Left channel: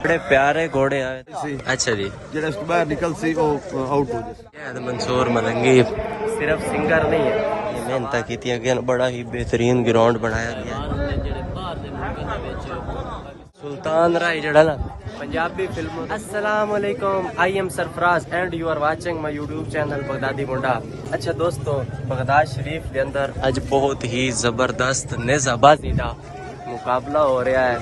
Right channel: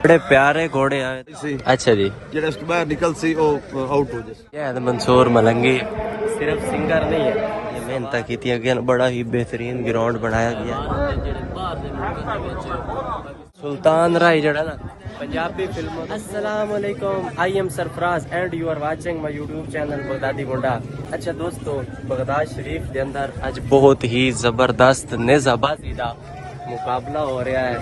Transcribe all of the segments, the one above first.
बड़े प्यारे घोड़े आए सी अच्छा जी जेड़ा इस बाहर निकल सी ओ आउट हो जाए। ये है मंसूर मलंगी सिर्फ सिंगर नहीं है, बड़ी मेहनत की गई, बड़ा ही बेहतरीन ग्राउंड बनाया गया सुल्तान राय जड़ा ना पंजाबी फिल्म। अस्सलाम वालेकुम, I am Sarfaraz and you are watching my YouTube channel Baghdadi Munda. अच्छा दोस्तों, बगदाद शरीफ के अंदर आज बहुत ही जबरदस्त नेजाबाजी का मुकाबला हो रहा है,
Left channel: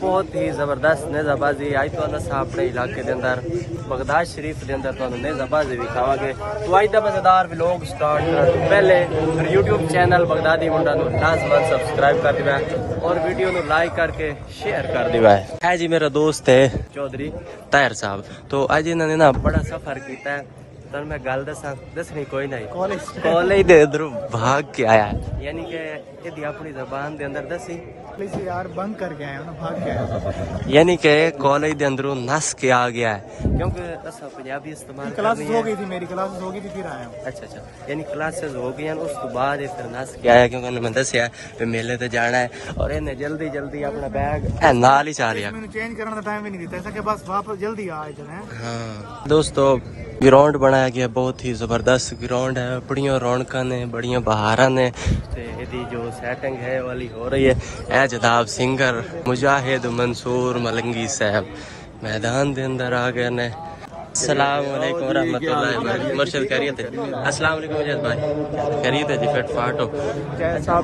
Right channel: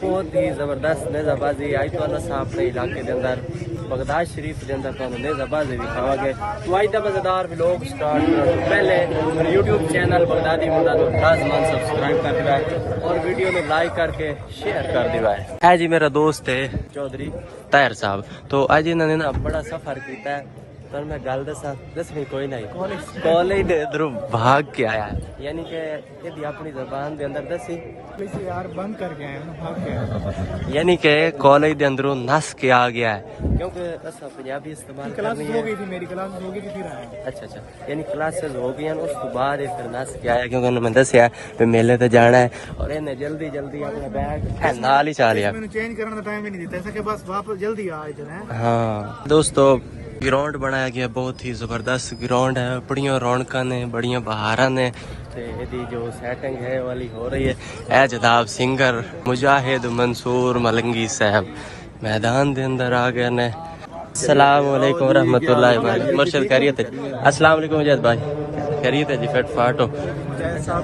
बहुत ही जबरदस्त नेजाबाजी। आज तो अपने इलाके के अंदर बगदाद शरीफ के अंदर तो नेजाबाजी दिखावांगे। तो आज का मजेदार व्लॉग स्टार्ट करने तो पहले मेरे यूट्यूब चैनल बगदादी मुंडा को लाजमन सब्सक्राइब कर दिया है और वीडियो को लाइक करके शेयर कर दिया है। जी मेरा दोस्त है चौधरी ताहिर साहब, तो आज इन्होंने ना बड़ा सफर किया है। तो मैं गल दसनी कोई नहीं, कॉलेज दे इधरों भाग के आया है, यानी कि यदि अपनी जबान दे अंदर दसी यार बंद करके आए ना, भाग के आए, यानी कि कॉलेज दे अंदरों नस के आ गया है, क्योंकि असा पंजाबी इस्तेमाल करनी है। हो गई थी मेरी क्लास हो गई थी फिर आया। अच्छा, यानी क्लासेस हो गई उस तो बाद फिर नस के आया, क्योंकि उन्होंने दसिया भी मेले ते जाना है और इन्हें जल्दी जल्दी अपना बैग नाल ही चालिया। मैंने चेंज करने का टाइम भी नहीं दिया, ऐसा कि बस वापस जल्दी आ इधर है। हाँ दोस्तों, ग्राउंड बनाया गया, बहुत ही जबरदस्त ग्राउंड है, बड़िया रौनक ने, बड़िया बहारा ने, ते जो सेटिंग है वाली हो रही है। ए जनाब सिंगर मुजाहिद मंसूर मलंगी साहब मैदान के अंदर आ गए ने। अस्सलाम वालेकुम रहमतुल्लाहि भाई, मुर्शिद खैरियत है? अस्सलाम वालेकुम मुजाहिद भाई, खैरियत है जी? फिट फाट हो?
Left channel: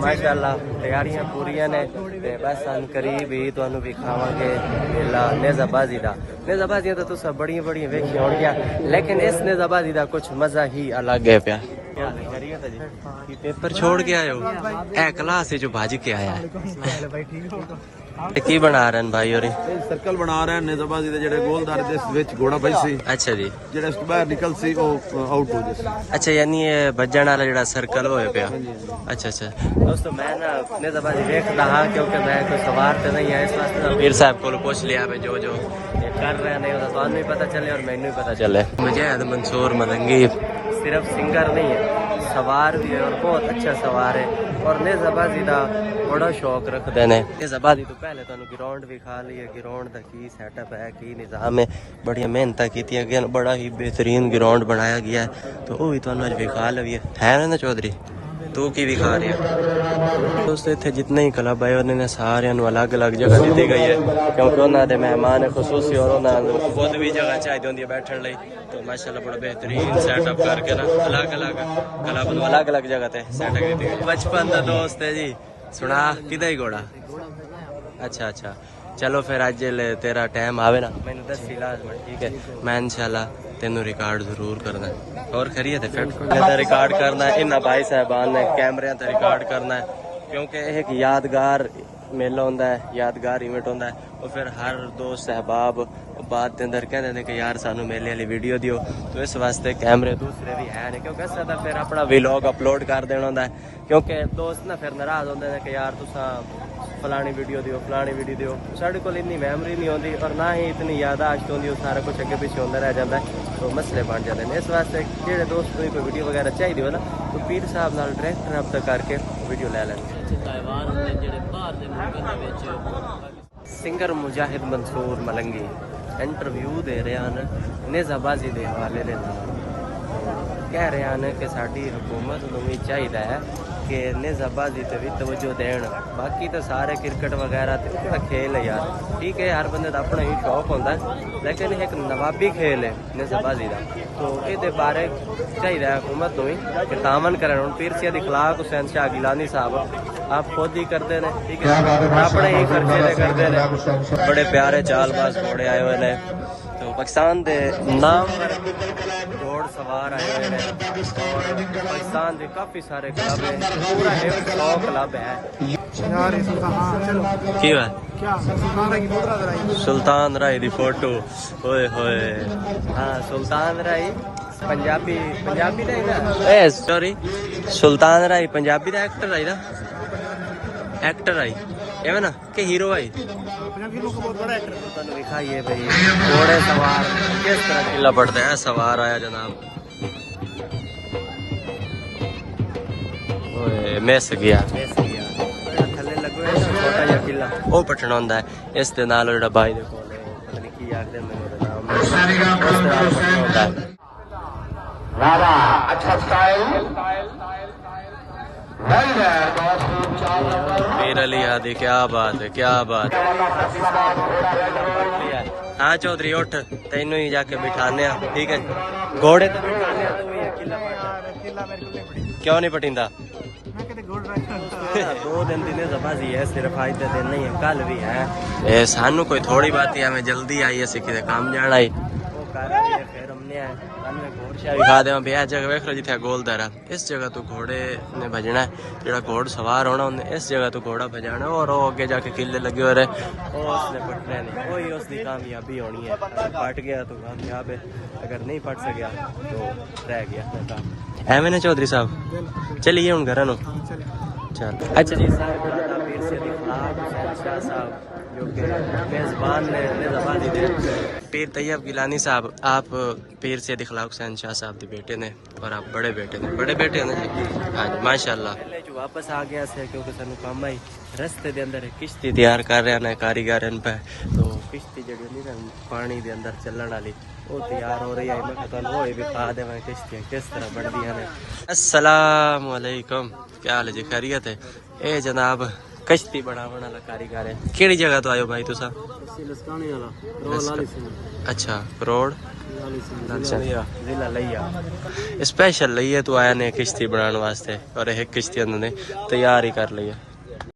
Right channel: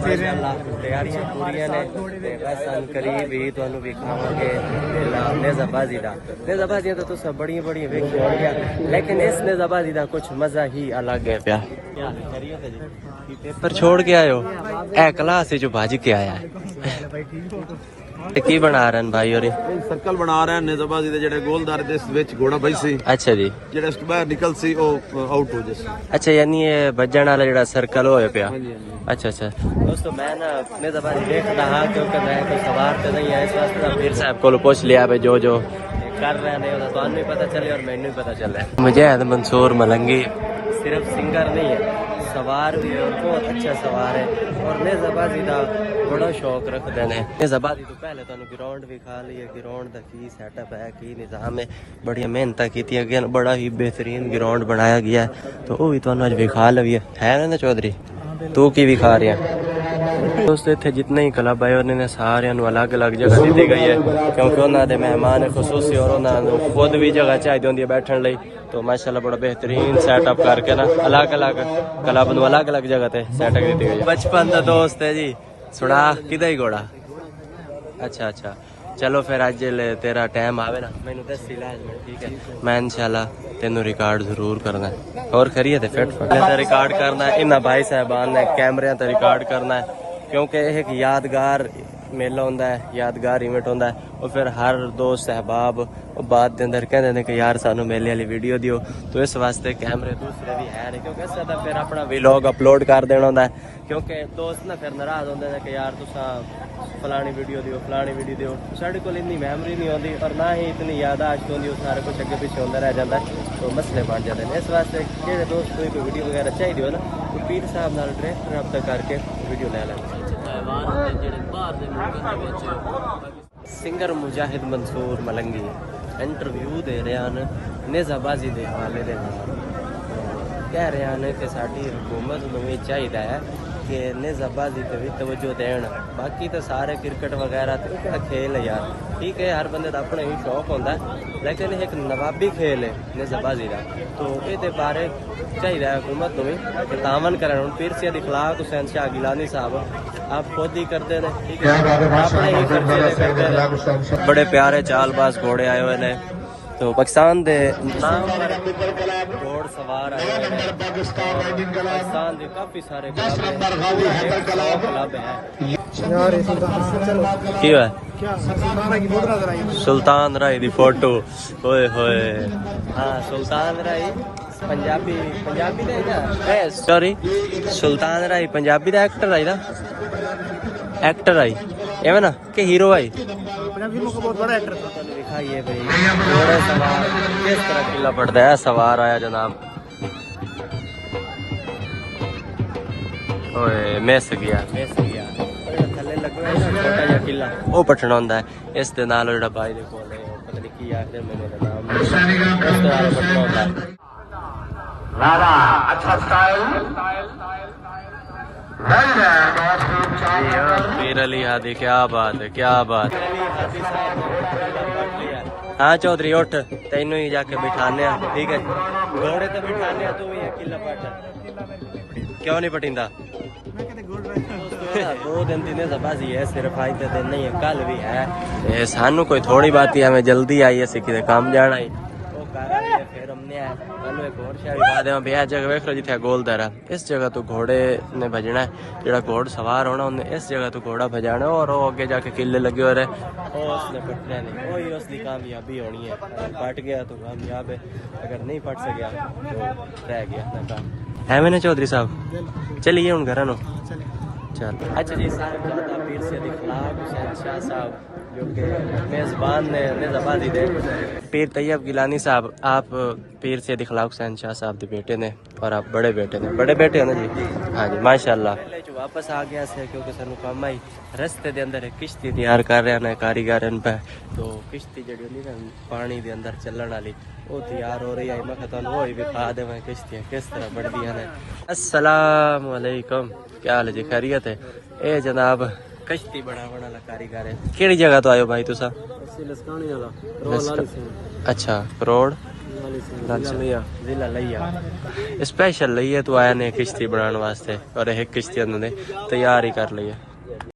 माशाअल्लाह, तैयारियां पूरियां ने ते बस अन करीब ही तुहानू विखावांगे मेला नेजाबाजी दा। नेजाबाजियां तो तुसा बड़ियां बड़ियां वेखी होणगियां, लेकिन इस नेजाबाजी दा कुछ मजा ही अलग है प्या। क्या हाल है? खैरियत है जी? पेपर छोड़ के आयो? ए क्लास जो भाज के आया है की बना रहे हैं भाई? और सर्कल बना रहे हैं नेजाबाजी दे जेड़े गोलदार दे विच घोड़ा भाई सी। अच्छा जी, जेड़ा इस बाहर निकल सी ओ आउट हो जाए। अच्छा, यानी ये बजन वाला जेड़ा सर्कल होए पिया। अच्छा दोस्तों, मैं ना नेजाबाजी देखदा हां, क्योंकि मैं कोई सवार ते नहीं है, इस वास्ते ना पीर साहब को पूछ लिया भाई जो जो कर रहे नहीं होता तो भी पता चले और मैनू भी पता चले। मुजाहिद मंसूर मलंगी सिर्फ सिंगर नहीं है, सवार भी है और बहुत अच्छा सवार है और नेजाबाजी का बड़ा शौक रखते हैं। नेजाबाजी तो पहले तो ग्राउंड भी खा ली है, ग्राउंड का की सेटअप है, की निज़ाम है, बड़िया मेहनत की गई, बड़ा ही बेहतरीन ग्राउंड बनाया गया है। तो वो भी तुहानू अज विखा लवी है ना चौधरी? तू की विखा रहा है? दोस्तों, इतने जितने ही क्लब आए उन्होंने सारे अलग अलग जगह दी गई है, क्योंकि उन्होंने मेहमान खसूसी और उन्होंने खुद भी जगह चाहिए होंगी बैठने लई। तो माशाल्लाह बड़ा बेहतरीन सेटअप करके ना अलग अलग क्लब नू अलग अलग जगह ते सेटअप दी गई। बचपन का दोस्त है जी, सुना किदा ही घोड़ा? अच्छा, चलो फिर अज तेरा टाइम आवे ना मैनू दसी लाजमन, ठीक है? मैं इंशाल्लाह तेनू रिकॉर्ड जरूर करना है। और खैरियत है? फिट रिकॉर्ड करना है, इन भाई साहब ने कैमरे ते रिकॉर्ड करना है, क्योंकि एक यादगार मेला होंदा है, यादगार इवेंट होंदा है। और फिर हर दोस्त सहबाब बाद के अंदर कहते हैं कि यार सानू मेले वाली वीडियो दियो, तो इस वास्ते कैमरे दूसरे भी है नहीं, क्योंकि असा फिर अपना व्लॉग अपलोड कर देना होंदा है, क्योंकि दोस्त ना फिर नाराज होंदे ने कि यार तुसा फलानी वीडियो दियो, फलानी वीडियो दियो। साढ़े को इन्नी मैमरी नहीं होती और ना ही इतनी यादाश्त होती, सारा कुछ अगे पिछे होंदा रह जाता है, तो मसले बन जाते हैं। इस वास्ते जेडे दोस्त कोई वीडियो वगैरह चाहिए हो ना, तो पीर साहब नाल डायरेक्ट रब्ता करके वीडियो ले लेंगे। सिंगर मुजाहिद मंसूर मलंगी इंटरव्यू दे रहे हैं नेजाबाजी के हवाले दे नाल, कह रहे हैं कि साडी हुकूमत नूं भी चाहिए है कि नेजाबाजी ते भी तवज्जो देन। बाकी तो सारे क्रिकेट वगैरह ते उहड़ा खेल है यार, ठीक है, हर बंदे दा अपना ही शौक होंदा है, लेकिन एक नवाबी खेल है नेजाबाजी का, तो ये बारे चाहिए हुकूमत नूं भी कि तावन करन। हुण पीर सैयद इखलाक हुसैन शाह गिलानी साहब आप खुद ही करते हैं, ठीक है, अपने ही खर्चे से करते हैं। बड़े प्यारे चालबाज घोड़े आए हुए ने, तो पाकिस्तान के नाम पर घोड़ सवार आए हुए हैं और पाकिस्तान के काफी सारे क्लब हैं, पूरा 100 क्लब है यार। ये हाँ चलो की है क्या सुल्तान राय दी फोटो होए होए। हाँ, सुल्तान राय पंजाबी का ही ना, सॉरी सुल्तान राय पंजाबी का एक्टर आई ना, एक्टर आई एवं ना के हीरो आई? पंजाबी फिल्मों का बहुत बड़ा एक्टर था। तुहानू दिखाइए भाई घोड़े सवार किस तरह किला पड़ता है। सवार आया जनाब, ओए मिस गया थले लगो छोटा जिहा किला, वो पटना होंदा है। इस दे नाल जेड़ा भाई दे कोल पता नहीं की आखते मैंने ओदा नाम उस तरह पटना होता है। पीर अली हादी, क्या बात है, क्या बात है। हाँ चौधरी उठ, तेनू ही जाके बिठाने, ठीक है, घोड़े तो बिठाने तो ही है किला पाट। क्यों नहीं पटिंदा? मैं कहते गोल्ड राइडर 2 दिन दिन जबाजी है, सिर्फ आज के दिन नहीं है, कल भी है। ए सानू कोई थोड़ी बात ही, हमें जल्दी आई है, किते काम जाना ही वो कर रही है। फिर हमने तानू एक और शहर दिखा देवां भी, जगह वेख लो जिथे गोलदारा, इस जगह तो घोड़े ने भजना है, जेड़ा घोड़ सवार होना उन्हें इस जगह तो घोड़ा भजाना, और वो आगे जाके किले लगे हो रहे, उसने पटने नहीं, वही उसकी कामयाबी होनी है। अगर पट गया तो कामयाब है, अगर नहीं पट सका तो रह गया अपना काम। एवं ने चौधरी साहब, चलिए हूँ घर नो चल। अच्छा जी, साहिब दादा पीर सैयद इखलाक हुसैन शाह साहब जो कि मेज़बान ने निज़ाबादी दे, पीर तैयब गिलानी साहब, आप पीर सैयद इखलाक हुसैन शाह साहब के बेटे ने और आप बड़े बेटे ने, बड़े बेटे हैं ना जी? हाँ जी माशाल्लाह। जो वापस आ गया से क्योंकि सानू काम आई, रस्ते दे अंदर एक किश्ती तैयार कर रहे हैं कारीगर पे, तो किश्ती जी होंगी ना पानी के अंदर चलने वाली, वो तैयार हो रही है। मैं तुहानू वो भी दिखा देवां किश्तियां किस तरह बनदियां ने। अस्सलाम वालेकुम, क्या हाल है जी, खैरियत है? ए जनाब कश्ती बनावन वाला कारीगर है, केड़ी जगह तो आयो भाई तुसा? अच्छा, रोड जिला लिया, स्पेशल लिया तो आया ने किश्ती बनाने वास्ते, और एक किश्ती उन्होंने तैयार ही कर ली है।